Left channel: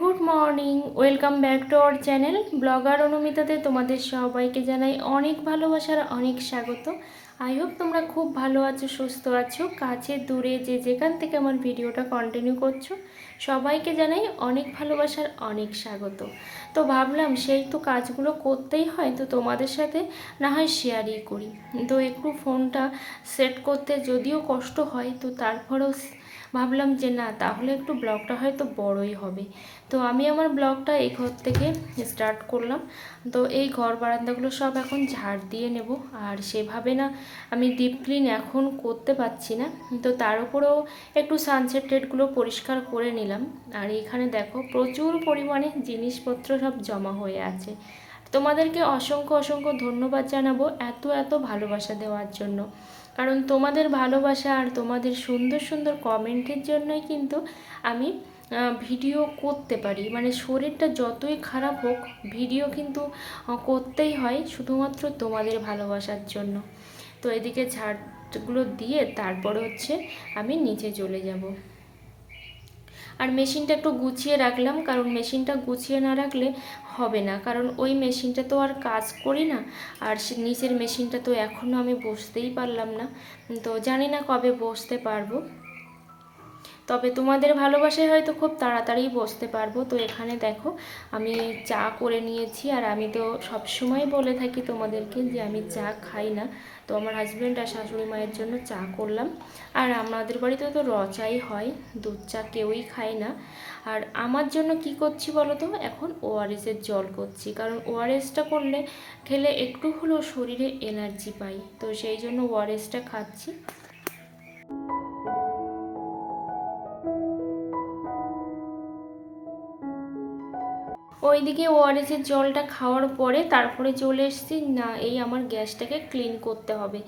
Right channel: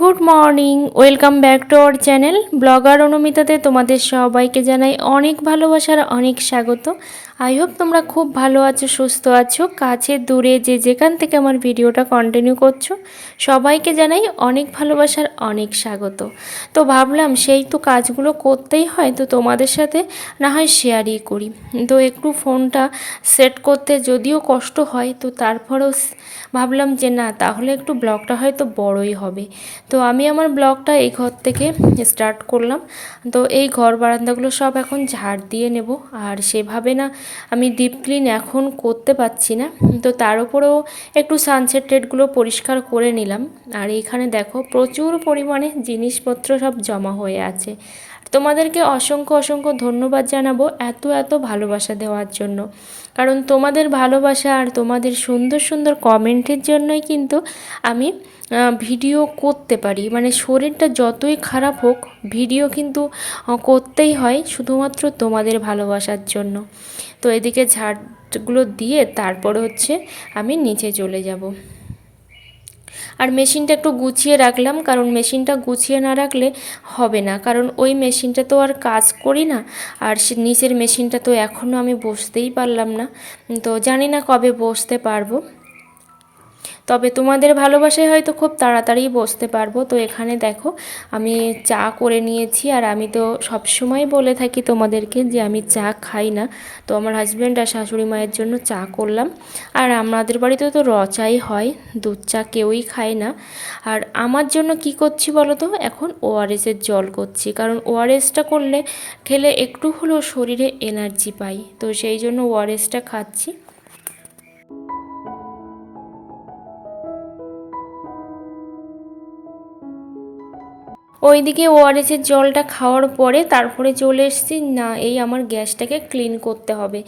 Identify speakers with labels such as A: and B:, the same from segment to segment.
A: Good morning, welcome back to our channel. Blogger অনুমিতাতে তোমাদের সবাইকে জানাই অনেক ভালোবাসার অনেক স্বাগত। আই হোপ তোমরা খুব ভালো আছো, সুস্থ আছো, কাছে, দূরে, যে যেখান থেকে আমার ভিডিওটা কন্টিনিউ করছ, সবাইকে জানাই অনেক ভালোবাসার অনেক স্বাগত। তো ভাবলাম সেই তো কাজগুলো করতেই হয়, তো তোমাদের সাথে না হয় শেয়ারই করি। তো একটু ফোনটা সেট করতে যদিও কষ্ট হয়, তো তারপরেও ভাবলাম যে না, তাহলে একটু ব্লগটা হয়তো বড়ই হবে। তো আমি আমার ব্লগটা এই ঘর থেকে স্টার্ট করলাম। তো এই ঘর বারান্দাগুলো সব এখন ঝাড় দিয়ে নেব, আর সেভাবে না আমি ডিপ ক্লিন এখন করতে পারছি না। তো তার উপরেও একটু সানসেট টেটগুলো পরিষ্কার করে নিলাম। আর এখানে দেখো প্রচুর পরিমাণে জিনিসপত্র সব জমা হয়ে আছে। তোমাদেরকে অসংখ্য অসংখ্য ধন্যবাদ জানাব এত এত ভালোবাসা দেওয়ার জন্য। কারণ তোমাদের ভালোবাসা আর তোমাদের সুন্দর সুন্দর কমেন্টের জন্যই কিন্তু আমি ভিডিও করতে পারি। মানে শরীরটা যতই খারাপ হোক ভিডিও কিন্তু করতেই হয় শুধুমাত্র তোমাদের ভালোবাসার জন্য। তো এদিকে ঝাড়গুলো দিয়ে তারপরে হচ্ছে আমি নিচে চলে যাব। আর মেশিনটা একটু গুছিয়ে রাখলাম, কারণ মেশিনটা গুছিয়ে না রাখলে হবে না। কারণ ওই মেশিনটা তো আর কাজ করি না, আর নিচের মেশিনটা তো এখনও আমি বসতেই পারলাম না। তো জানি না কবে বসতে পারব। তবে তোমাদের ভালোবাসায় হয়তো খুব তাড়াতাড়ি বসতে পারব। তো এখানে দেখো, আমি চা করে নিয়েছি আর আমি তো সবসময় বলে থাকি তোমাদেরকে যে আমি চা খাই না। তো আমার হাজব্যান্ড আর শাশুড়ি মায়ের জন্য চা করলাম। আর আমাদের বাড়িতে তো র চাই হয়, দুধ চা কেউই খায় না। আর আমার জন্য কি করছি বলো তো এখন ওআরএসের জল করছি। কারণ ওআরএসটা করলে, খেলে একটু হলেও শরীরে এনার্জি পাই। তো সেই জন্য ওআরএসটা খাচ্ছি। ওইদিকে ওআরএসের জলটা খাওয়ার পরে তারপরে চলে এসেছি, না, এই আমার গ্যাসটাকে ক্লিন করতে হবে।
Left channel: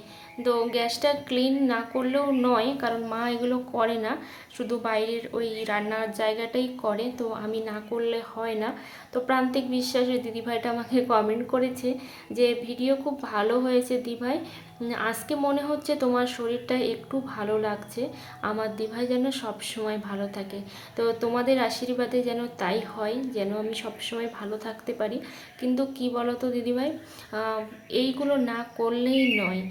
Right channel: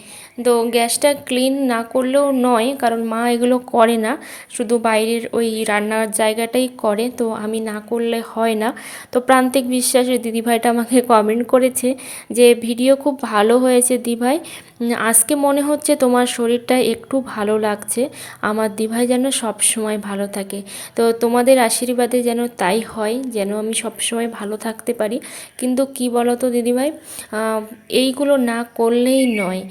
A: তো গ্যাসটা ক্লিন না করলেও নয়, কারণ মা এগুলো করে না, শুধু বাইরের ওই রান্নার জায়গাটাই করে, তো আমি না করলে হয় না। তো প্রান্তিক বিশ্বাসের দিদিভাইটা আমাকে কমেন্ট করেছে যে, ভিডিও খুব ভালো হয়েছে দিভাই। আজকে মনে হচ্ছে তোমার শরীরটা একটু ভালো লাগছে। আমার দিভাই যেন সব সময় ভালো থাকে। তো তোমাদের আশীর্বাদে যেন তাই হয়, যেন আমি সব সময় ভালো থাকতে পারি। কিন্তু কি বলো তো দিদিভাই এইগুলো না করলেই নয়।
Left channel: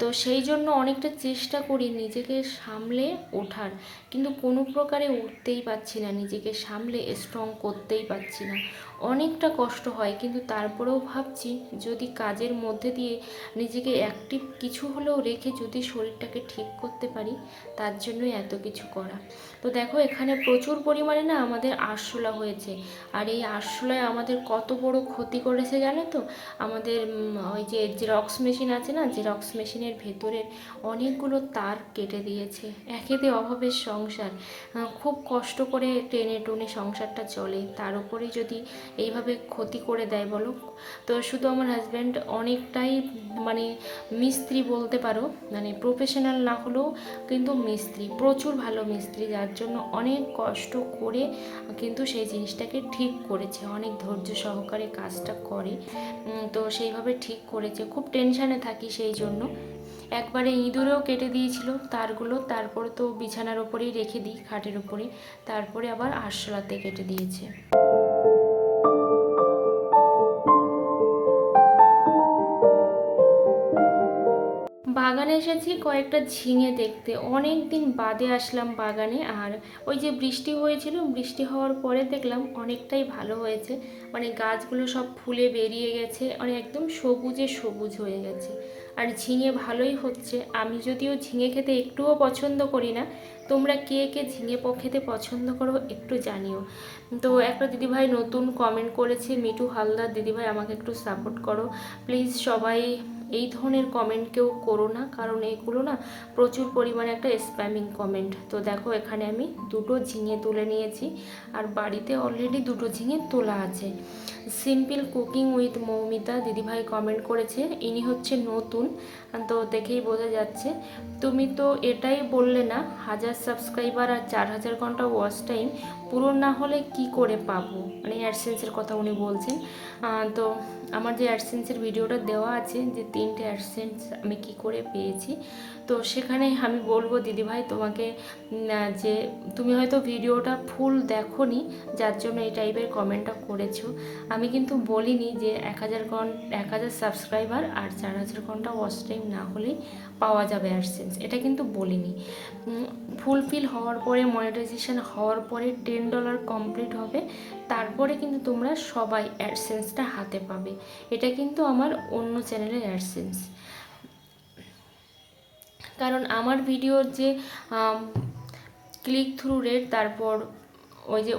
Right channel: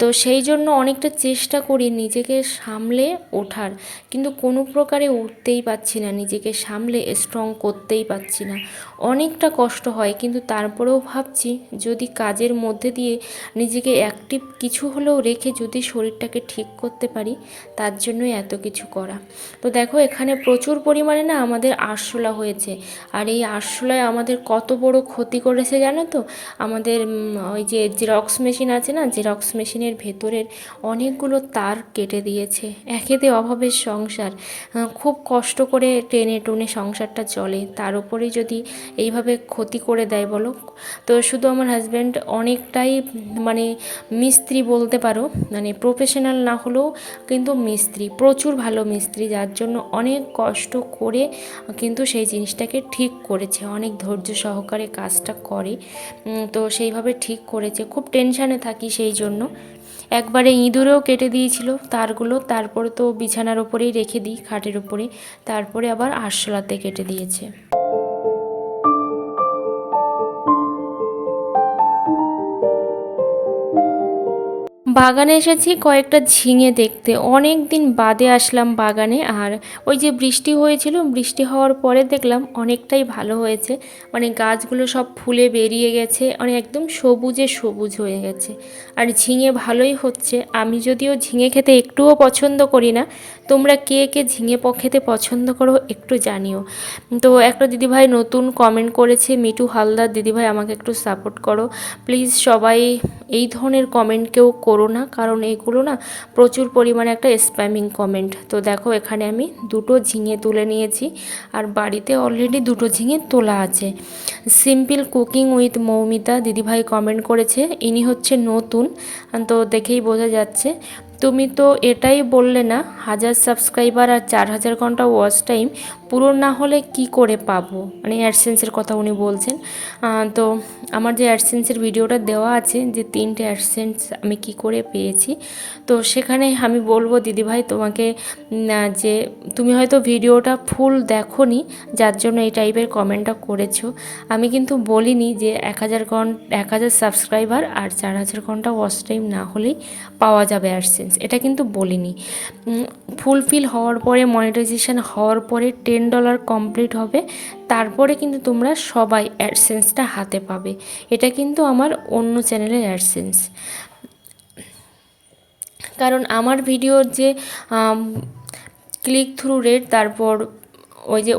A: তো সেই জন্য অনেকটা চেষ্টা করি নিজেকে সামলে ওঠার। কিন্তু কোনো প্রকারে উঠতেই পারছি না, নিজেকে সামলে স্ট্রং করতেই পারছি না। অনেকটা কষ্ট হয়, কিন্তু তারপরেও ভাবছি যদি কাজের মধ্যে দিয়ে নিজেকে অ্যাক্টিভ কিছু হলেও রেখে যদি শরীরটাকে ঠিক করতে পারি, তার জন্যই এত কিছু করা। তো দেখো, এখানে প্রচুর পরিমাণে না আমাদের আরশোলা হয়েছে। আর এই আরশোলায় আমাদের কত বড় ক্ষতি করেছে জানো তো? আমাদের ওই যে জেরক্স মেশিন আছে না? জেরক্স মেশিনের ভেতরের অনেকগুলো তার কেটে দিয়েছে। একেতে অভাবের সংসার। খুব কষ্ট করে টেনে টুনে সংসারটা চলে। তার উপরেই যদি এইভাবে ক্ষতি করে দেয় বলো? তো শুধু আমার হাজব্যান্ড অনেকটাই মানে মিস্ত্রি বলতে পারো মানে প্রফেশনাল না হলেও কিন্তু মিস্ত্রি, প্রচুর ভালো মিস্ত্রি, যার জন্য অনেক কষ্ট করে কিন্তু সেই জিনিসটাকে ঠিক করেছে। অনেক ধৈর্য সহকারে কাজটা করে তো সেইভাবে ঠিক করেছে। খুব টেনশানে থাকি সেই জন্য। একবারে ইঁদুরেও কেটে দিয়েছিল তারগুলো, তারপরে তো বিছানার ওপরেই রেখে দিই, খাটের ওপরে তারপরে আবার আরশোলাতে কেটে দিয়েছে। বাগানে এসেছি কয়েকটা ঝিঙে দেখতে। অনেক দিন বাদে আসলাম বাগানে আর ওই যে বৃষ্টি হয়েছিল, বৃষ্টি হওয়ার পরে দেখলাম অনেকটাই ভালো হয়েছে। মানে গাছগুলো সব ফুলে বেরিয়ে গেছে মানে একদম সবুজে সবুজ হয়ে গেছে। আর ঝিঙে ভালোই হচ্ছে। আমি যদিও ঝিঙে খেতে একটুও পছন্দ করি না তোমরা কে কে ঝিঙে প- খেতে পছন্দ করো একটু জানিও। তো একটা দিদিভাই নতুন কমেন্ট করেছে মিটু হালদার দিদিভাই আমাকে একটু সাপোর্ট করো। প্লিজ সবাই এই ধরনের কমেন্ট কেউ করো না, কারণ এগুলো না প্রচুর পরিমাণে একটা স্প্যামিং কমেন্ট তো দেখো এখানে আমি দুটো ঝিঙে তুলে নিয়েছি, আর বাড়িতে অলরেডি দুটো ঝিঙে তোলা আছে। সিম্পল কুকিং উইথ মৌমিতা দিদিভাই কমেন্ট করেছে, ইনি হচ্ছে নতুন। তো দেখেই বোঝা যাচ্ছে তুমি তো এটাই বললে না, হাজার সাবস্ক্রাইবার আর চার হাজার ঘণ্টা ওয়াচ টাইম পূরণ না হলে কি করে পাবো? মানে অ্যাডসেন্সের কথা উনি বলছেন। তো আমার যে অ্যাডসেন্সের ভিডিওটা দেওয়া আছে, যে তিনটে অ্যাডসেন্স আমি কি করে পেয়েছি, তো সেখানে আমি বলব, দিদিভাই, তোমাকে যে তুমি হয়তো ভিডিওটা ফুল দেখোনি, যার জন্য এই টাইপের কমেন্টটা করেছ। আমি কিন্তু বলিনি যে এক হাজার ঘণ্টা এক হাজার সাবস্ক্রাইবার আর চার হাজার ঘণ্টা ওয়াচ টাইম না হলেই পাওয়া যাবে অ্যাডসেন্স এটা কিন্তু বলিনি। ফুলফিল হওয়ার পরে মনিটাইজেশন হওয়ার পরে টেন ডলার কমপ্লিট হবে, তারপরে কিন্তু তোমরা সবাই অ্যাডসেন্সটা হাতে পাবে। এটা কিন্তু আমার অন্য চ্যানেলের অ্যাডসেন্স কারণ আমার ভিডিওর যে ক্লিক থ্রু রেট তারপর ওই যে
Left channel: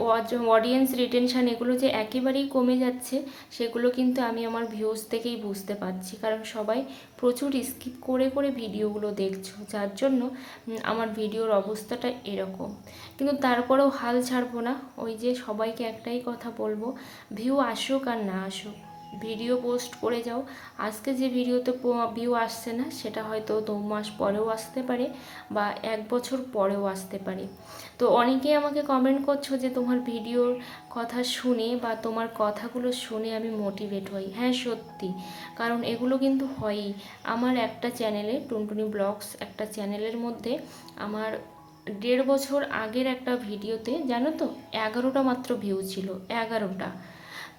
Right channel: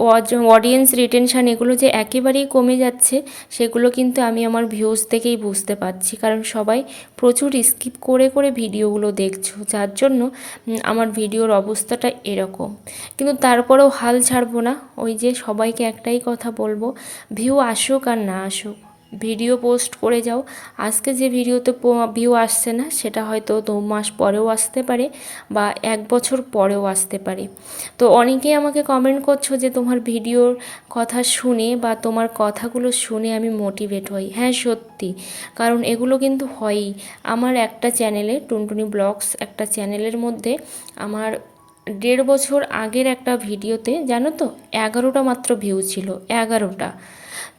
A: অডিয়েন্স রিটেনশান এগুলো যে একেবারেই কমে যাচ্ছে, সেগুলো কিন্তু আমি আমার ভিউজ থেকেই বুঝতে পারছি। কারণ সবাই প্রচুর স্কিপ করে করে ভিডিওগুলো দেখছ, যার জন্য আমার ভিডিওর অবস্থাটা এরকম। কিন্তু তারপরেও হাল ছাড়বো না। ওই যে সবাইকে একটাই কথা বলব ভিউ আসুক আর না আসুক। ভিডিও পোস্ট করে যাও। আজকে যে ভিডিওতে ভিউ আসছে না, সেটা হয়তো দু মাস পরেও আসতে পারে বা এক বছর পরেও আসতে পারে। তো অনেকেই আমাকে কমেন্ট করছ যে তোমার ভিডিওর কথা শুনে বা তোমার কথাগুলো শুনে আমি মোটিভেট হই। হ্যাঁ সত্যি। কারণ এগুলো কিন্তু হয়ই। আমার একটা চ্যানেলে টুনটুনি ব্লগস একটা চ্যানেলের মধ্যে আমার দেড় বছর আগের একটা ভিডিওতে, জানো তো, এগারোটা মাত্র ভিউ ছিল, এগারোটা।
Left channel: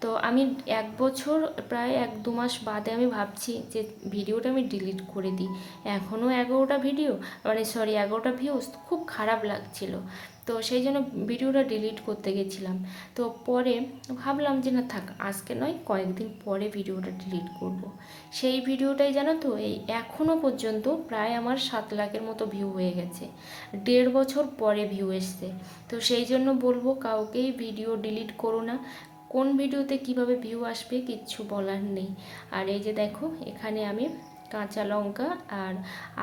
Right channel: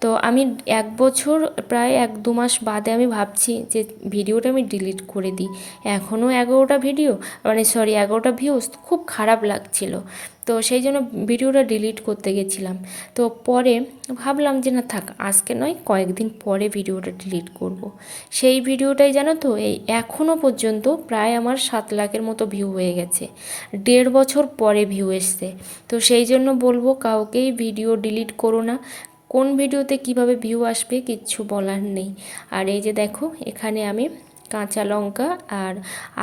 A: তো আমি এক বছর, প্রায় এক দু মাস বাদে আমি ভাবছি যে ভিডিওটা আমি ডিলিট করে দিই। এখনও এগারোটা ভিডিও মানে সরি এগারোটা ভিউজ খুব খারাপ লাগছিল। তো সেই জন্য ভিডিওটা ডিলিট করতে গেছিলাম। তো পরে ভাবলাম যে না থাক, আজকে নয়, কয়েকদিন পরে ভিডিওটা ডিলিট করব। সেই ভিডিওটাই জানো তো, এই এখনও পর্যন্ত প্রায় আমার সাত লাখের মতো ভিউ হয়ে গেছে। দেড় বছর পরে ভিউ এসছে। তো সেই জন্য বলব কাউকেই ভিডিও ডিলিট করো না। কোন ভিডিওতে কীভাবে ভিউ আসবে কিচ্ছু বলার নেই। আর এই যে দেখো, এখানে আমি কাঁচা লঙ্কা আর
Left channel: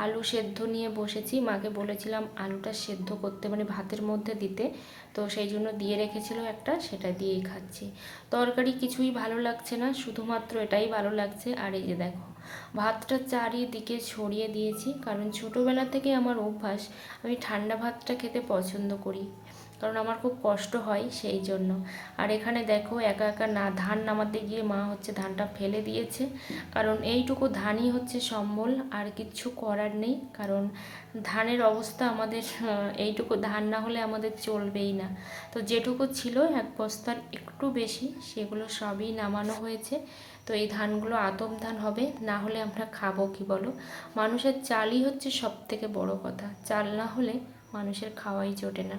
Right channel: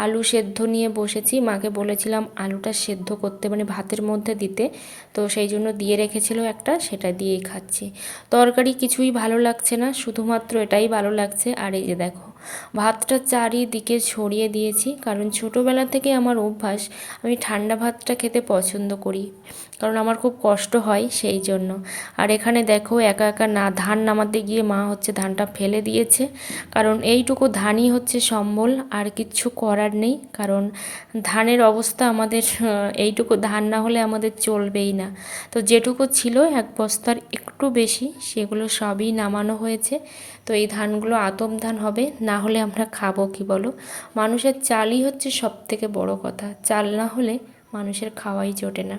A: আলু সেদ্ধ নিয়ে বসেছি। মাকে বলেছিলাম আলুটা সেদ্ধ করতে মানে ভাতের মধ্যে দিতে। তো সেই জন্য দিয়ে রেখেছিল একটা, সেটা দিয়েই খাচ্ছি। তরকারি কিছুই ভালো লাগছে না, শুধুমাত্র এটাই ভালো লাগছে। আর এই যে দেখো, ভাতটা চারিদিকে ছড়িয়ে দিয়েছি। কারণ ছোটোবেলা থেকে আমার অভ্যাস, আমি ঠান্ডা ভাতটা খেতে পছন্দ করি। কারণ আমার খুব কষ্ট হয় সেই জন্য। আর এখানে দেখো একা একা না, ধান নামাতে গিয়ে মা হচ্ছে ধানটা ফেলে দিয়েছে। কারণ এইটুকু ধানই হচ্ছে সম্বল, আর কিচ্ছু করার নেই। কারণ ধানের অবস্থা আমাদের এইটুকু ধান না হলে আমাদের চলবেই না। তো যেটুকু ছিল এক বস্তার একটু বেশি, সেগুলো সবই নামানো হয়েছে। তো এই ধানগুলো আতম ধান হবে, না হলে আমরা খাব কি বলো? মানুষের চালই হচ্ছে সব থেকে বড় কথা। চাল না হলে মানুষের খাওয়াই জোটে না।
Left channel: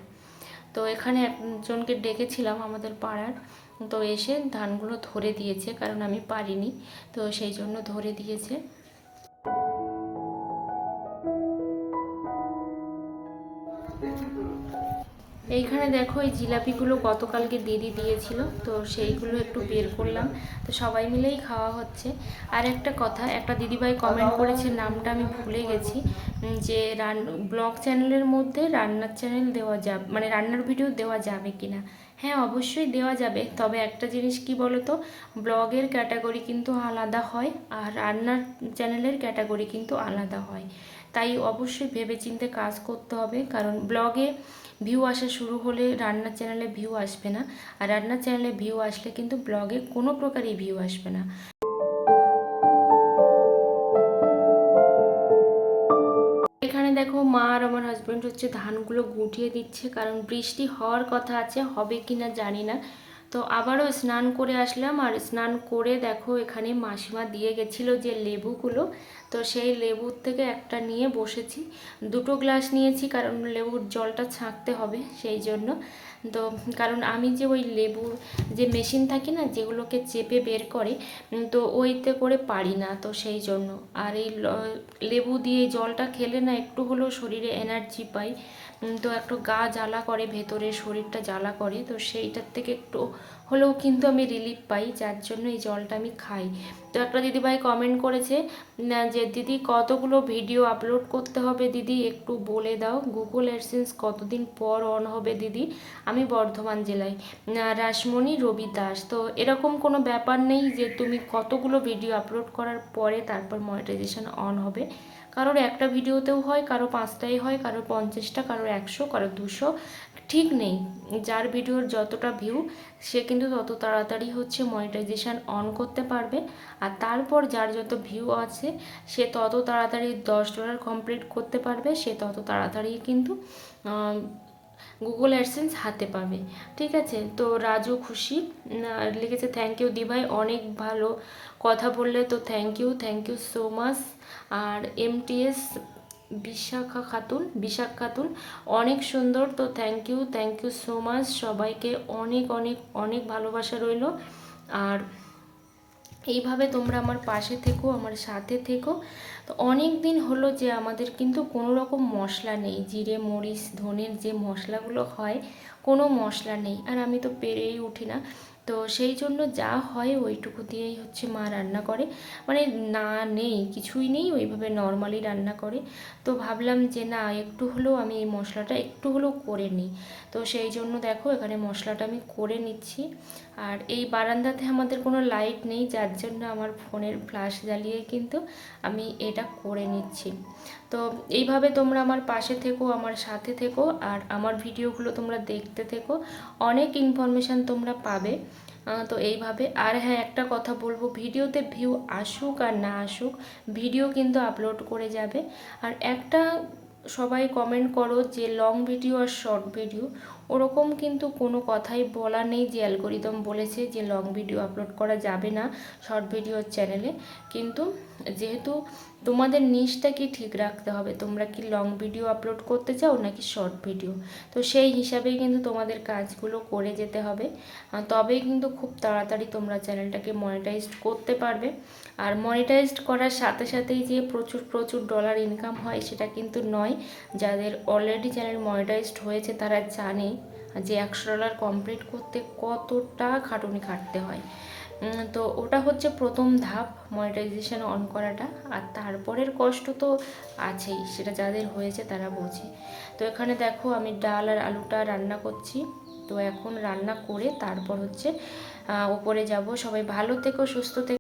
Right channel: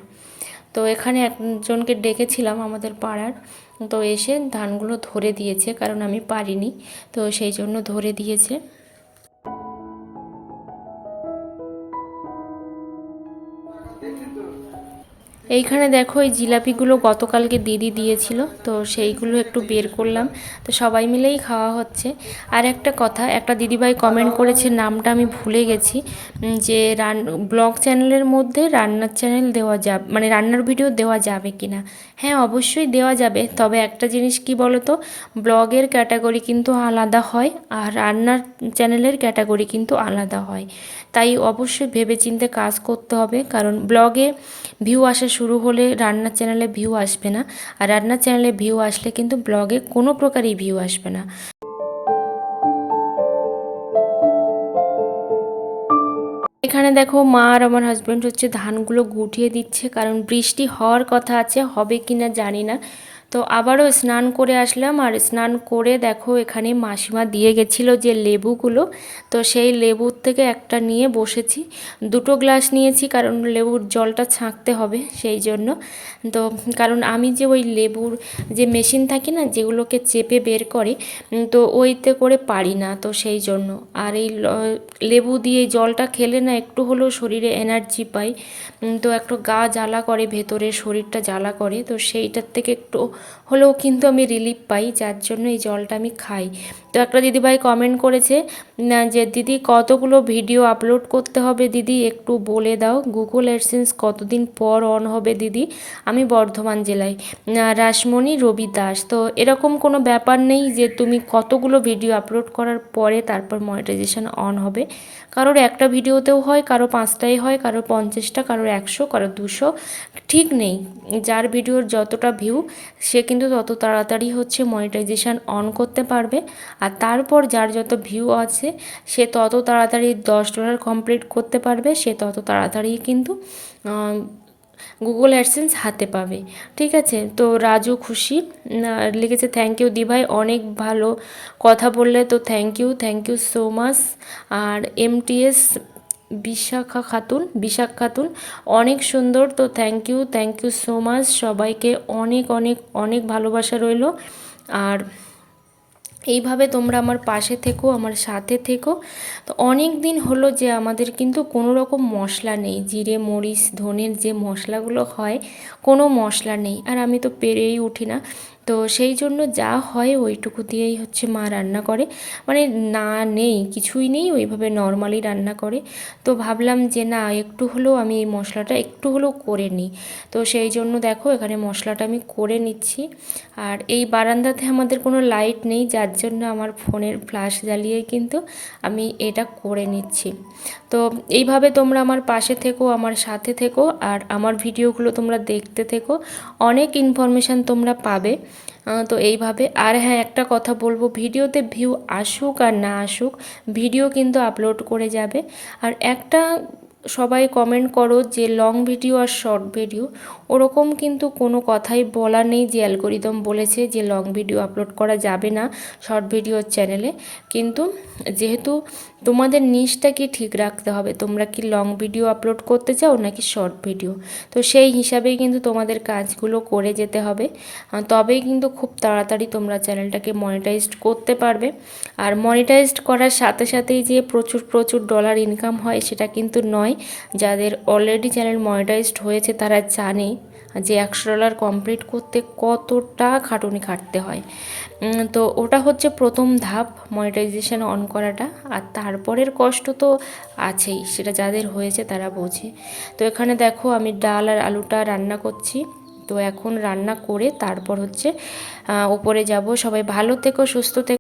A: তো এখানে একজনকে ডেকেছিলাম আমাদের পাড়ার। তো এসে ধানগুলো ধরে দিয়েছে, কারণ আমি পারিনি। তো সেই জন্য ধরে দিয়েছে। এইখানে দেখো এই জিলাপিগুলো গতকালকে দিদি দিয়েছিল, তো সেইগুলো একটু বের করলাম। তো সবাই মিলেই খাওয়া হচ্ছে। আর একটা কথা, একটা দিদিভাই কমেন্ট করেছে, নামটা আমি ভুলে গেছি যে রান, ব্লগ চ্যানেলের মধ্যে রান্নার চ্যানেল দেওয়া যাবে মানে রান্নার ভিডিও দেওয়া যাবে কি না হ্যাঁ অবশ্যই দেওয়া যাবে, তবে একটা জিনিস কি বলো তো ব্লগের ক্যাটাগরি কিন্তু আলাদা হয়, আর রান্নার চ্যানেলের ক্যাটাগরি কিন্তু আলাদা হয়। তাই অবশ্যই ভেবেচিন্তে কাজ করতে হবে। কারণ ব্লগে ভিউ আসা শুরু হলে রান্নার চ্যানেলে ভিউ আসবে না। আর রান্নার চ্যানেলে ভিউ আসলে কিন্তু ব্লগে কোনো প্রকারই ভিউ আসবে না। এখানে দেখো মা আর আমার হাজব্যান্ড হচ্ছে ধানগুলো গুটিয়ে দিচ্ছে। কারণ বৃষ্টি হওয়ার কথা আছে, হবে কি না জানি না। তো আবারও স্নান করে আসলাম আর স্নান করে দেখো এখানে মাসিমা দিয়ে গেছিল যে লেবুগুলো। তো সেই লেবুর থেকে একটা নিয়ে বসেছি। দুটো গ্লাস নিয়েছি কারণ লেবুর জলটা ছাঁকতে হবে সেই জন্য। তো কারণ আমি যে ওই লেবুর যে মেশিন থাকে না যেগুলোকে চেপে বের করে তো ওইতে করে পারি না তো সেই জন্য। আর এই লেবু দিয়ে জলটা খেলে না একটু হলেও শরীরে এনার্জি পাই। তো একটু গা জ্বালা করে, ভেতরে শরীরটা জ্বালা করে। তো সেইটার থেকে একটু হলেও কিন্তু আমি রিলিফ পাই, যার জন্য এই জলটা আমি খাই। তো একটা দিদিভাই কমেন্ট করেছে যে দিদি কতগুলো ভিডিও আপলোড করতে হবে দিদি? একটু বলে দাও গুগল অ্যাডসেন্স কতদিন পর অন হবে দিদি? আমি বর্ধমান জেলায়। রাসমণি, রবি দাস। তো এরকম কোনো ব্যাপার নেই যে তুমি কতগুলো ভিডিও আপলোড করার পরে তারপর মনিটাইজেশন অন হবে। কারোর একটা ভিডিওতেও হয়, কারও পাঁচটাই হয়, কারও পঞ্চাশটা কারোর একশো, কারও দুশো। ঠিক নেই। যার ভিডিওর যতটা ভিউ সে কিন্তু তত তাড়াতাড়ি হচ্ছে মনিটাইজেশান অন করতে পারবে। আর তারপর যার যত ভিউ আছে, সে তত তাড়াতাড়ি দশ ডলার কমপ্লিট করতে পারবে। সে তত তাড়াতাড়ি কিন্তু গুগল অ্যাডসেন্স হাতে পাবে। ঠিক আছে? তো রাজু খুশি লিখেছে থ্যাংক ইউ দিভাই, অনেক ভালো কথা বললে, তো thank you thank you so much R MTS Bishakha Khatun, Bishakh Khatun, অনেক সুন্দর, তো thank you thank you so much সবাইকে অনেক অনেক অনেক ভালোবাসা রইল। আর এইভাবে তোমরা আমার পাশে থেকো, আমার সাথে থেকো। তো অনেক দিন হলো যে আমাদের কিন্তু কোনো রকম মশলা নেই, জিরে, মরিচ, ধনের যে মশলাগুলো হয়, কোনো মশলা নেই। আর আমি তো পেরেই উঠি না। তো সেই জন্য যা হয় ওইটুকু দিয়েই হচ্ছে মা রান্না করে। মানে না নেই, কিছুই নেই, ওইভাবে নর্মালি রান্না করে। তো ভাবলাম যে না, একটু হলেও আমি এই মশলাটা একটু হলেও করে নিই। তো সেই জন্য দেখো এখানে মশলাটা আমি করে নিচ্ছি। আর এই বারান্দাতে আমাদের কোনো লাইট নেই, যার জন্য আমার ফোনের ফ্ল্যাশ জ্বালিয়ে কিন্তু আমি এটা করে নিচ্ছি। তো এইভাবে তোমরা আমার পাশে থেকো, আমার সাথে থেকো আর আমার ভিডিওগুলো তোমরা দেখতে থেকো। অনেক ইনফরমেশান তোমরা পাবে। তো এইভাবে। আর হ্যাঁ একটা কথা বলব, ভিডিওতে ভিউ আসুক আর না আসুক ভিডিও কিন্তু আপলোড করে যাবে। আর একটা সবাই কমেন্ট করো যে লং ভিডিও আর শর্ট ভিডিও ওরকম কিন্তু কোনো কথাই বলা নেই যে অ্যালগোরিদম বলেছে যে লং ভিডিও আপলোড করা যাবে না শর্ট ভিডিওর চ্যানেলে কিন্তু যেহেতু তোমাদের নিচটাকে ঠিক রাখতে হবে, তোমরা কি লং ভিডিও আপলোড করতে চাও নাকি শর্ট ভিডিও তো সেই হিসাবেই কিন্তু তোমাদের কাজগুলো করে যেতে হবে। তবেই কিন্তু খুব তাড়াতাড়ি তোমরা চ্যানেলটাকে মনিটাইজড করতে পারবে। আর মনিটাইজড করার সাথে সাথেই যে প্রচুর প্রচুর ডলার ইনকাম হয় সেটা কিন্তু নয়, যাদের অলরেডি চ্যানেল মনিটাইজড হয়েছে তারা জানে যে একশো ডলার কমপ্লিট করতে কতটা খাটুনি খাটতে হয়। তো ওটা হচ্ছে প্রথম ধাপ মনিটাইজেশন অন করাটা। আর তারপরের কষ্ট তো আছেই, সেটা যাদের হয়েছে তারা বোঝে। তো এখানে দেখো আমি ডাল আর আলুটা রান্না করছি। তো এখন রান্না করে তারপর হচ্ছে ওপরে যাব। সবাই ভালো থেকো, সুস্থ থেকো।